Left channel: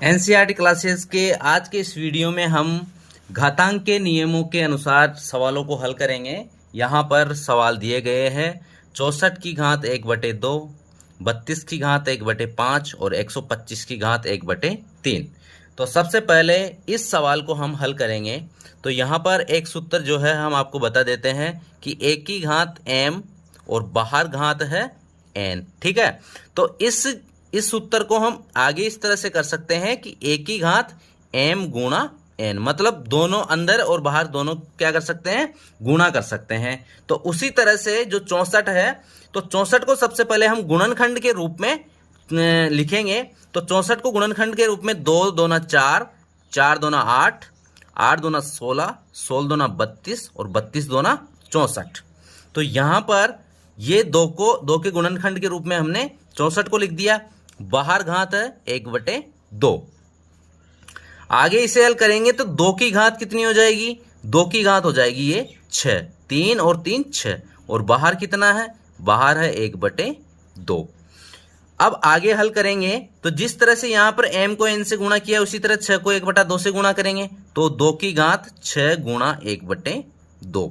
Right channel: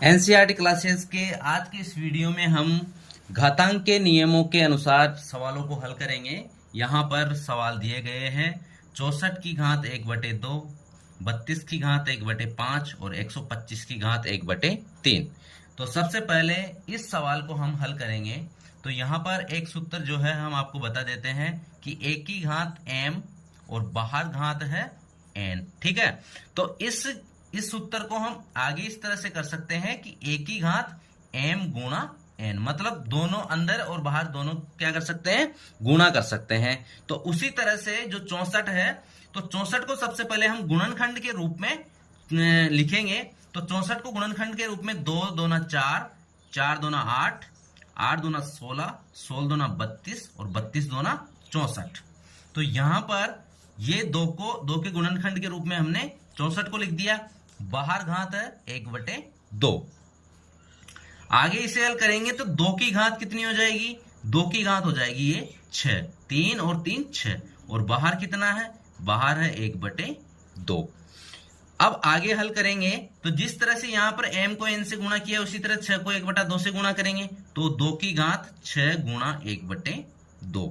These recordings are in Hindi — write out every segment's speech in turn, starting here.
एनसीईआरटी क्लासेस के आज के इस वीडियो में हम घातांक के नियमों के अनुसार सवालों को हल करेंगे। यहाँ पर सवाल दिए गए हैं 64 की घात 1/2, 32 की घात 1/5 और 125 की घात 1/3। तो सबसे पहले इस सवाल को हम हल करेंगे। तो यहाँ पर एक सूत्र जो है हम आपको बता देते हैं कि a की घात m और बाहर घात है n। ठीक है, तो इस सूत्र को हम आगे इस तरह से कर सकते हैं कि a की घात m गुणा n, मतलब दोनों अंदर और बाहर दोनों क्या कर सकते हैं, गुणा कर सकते हैं। तो उसी तरह से जो 64 है, तो 64 को सबसे पहले हम गुणनखंड के रूप में लिखेंगे। तो 64 को गुणनखंड के रूप में 2 दूना 4, 4 दूना 8, 8 दूना 16, 16 दूना 32 और 32 दूना 64। तो यहां पर ये दो के गुणनखंड के रूप में हमने 64 को लिख दिया। बाहर घात है 1/2। आगे इसे हल करेंगे तो 2 की घात कितनी हो जाएगी, 2 की घात हो जाएगी ये 6, 3 और 3 6, और बाहर कितना है, बाहर है 1/2। अब आगे हल करेंगे तो जिस तरह से यहां पर m को n से गुणा किया उसी तरह 6 को 1/2 से गुणा करेंगे। तो 2 की घात 6 गुणा 1/2।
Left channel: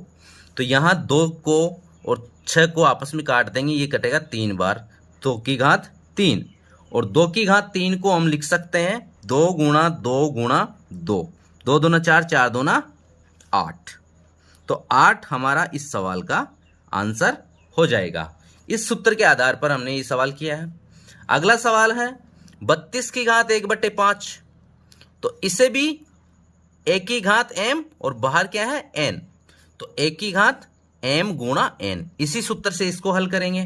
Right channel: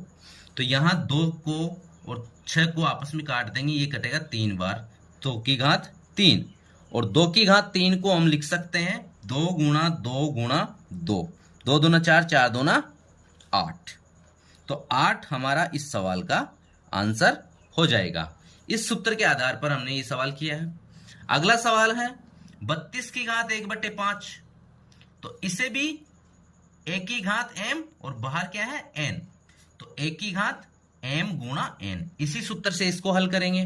तो यहां 2 को और 6 को आपस में काट देंगे, ये कटेगा 3 बार, 2 की घात 3। और 2 की घात 3 को हम लिख सकते हैं 2 गुणा 2 गुणा 2, 2 दूना 4, 4 दूना 8। तो 8 हमारा इस सवाल का आंसर हो जाएगा। इस सूत्र के आधार पर हमने ये सवाल किया है। अगला सवाल है 32 की घात 1/5। तो इसे भी a की घात m और बाहर क्या है n, तो a की घात m गुणा n, इसी सूत्र से इसको हल करेंगे।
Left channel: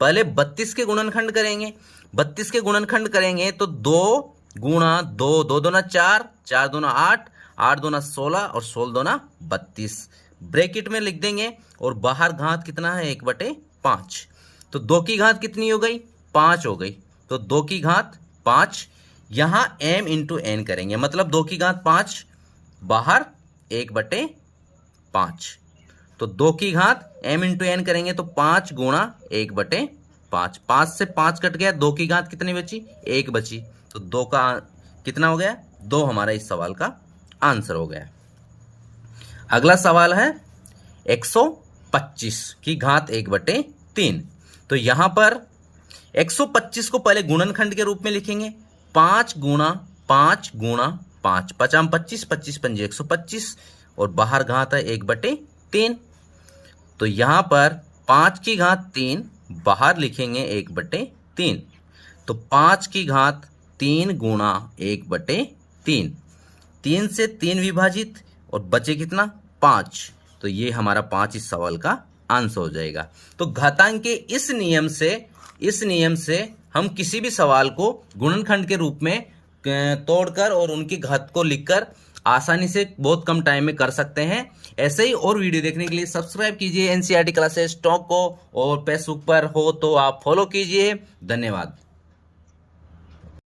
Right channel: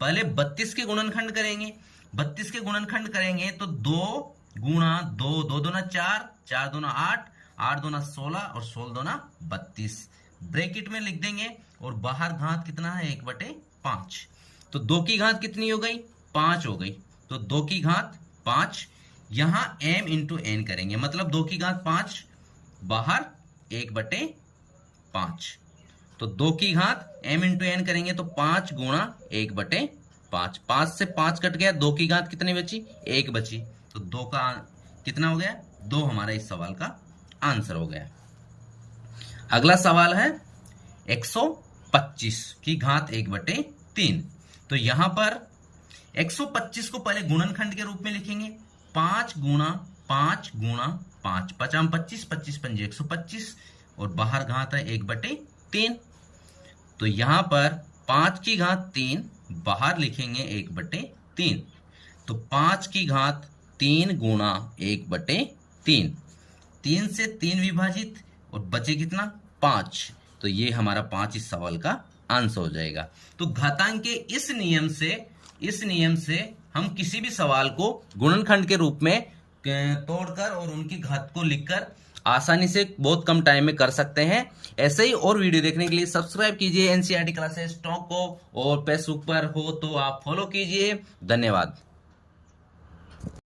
पहले 32 के गुणनखंड करेंगे। 32 के गुणनखंड करेंगे तो 2 गुणा 2, 2 दूना 4, 4 दूना 8, 8 दूना 16 और 16 दूना 32 ब्रैकेट में लिख देंगे। और बाहर घात कितना है 1/5। तो 2 की घात कितनी हो गई, 5 हो गई। तो 2 की घात 5, यहां m इंटू n करेंगे, मतलब 2 की घात 5, बाहर 1/5। तो 2 की घात m इंटू n करेंगे तो 5 गुणा 1/5, 5 से 5 कट गया, 2 की घात कितनी बची, 1 बची। तो 2 का कितना हो गया, 2 हमारा इस सवाल का आंसर हो गया। अगला सवाल है 125 की घात 1/3। तो यहां पर 125 को पहले गुणनखंड के रूप में लिखेंगे। 5 गुणा 5 गुणा 5, 5 25, 25 पंजे 125, और बाहर घात है 1/3। तो यहां पर 5 की घात 3, बाहर लिखेंगे 1/3। तो 5 की घात 3 गुणा 1/3, 3 से 3 विभाजित और बचे कितना, 5। तो ये हमारा 5 इस सवाल का आंसर हो जाएगा। तो घातांक के इस नियम से हम किसी भी सवाल को गुणनखंड के रूप में तोड़कर और उनकी घात को लिखकर आसानी से बहुत कम टाइम में कर सकते हैं। ऐसे ही और वीडियो देखने के लिए सब्सक्राइब कीजिए एनसीईआरटी क्लासेस टॉक को, और फेसबुक पर हो तो आप फॉलो कीजिए। धन्यवाद।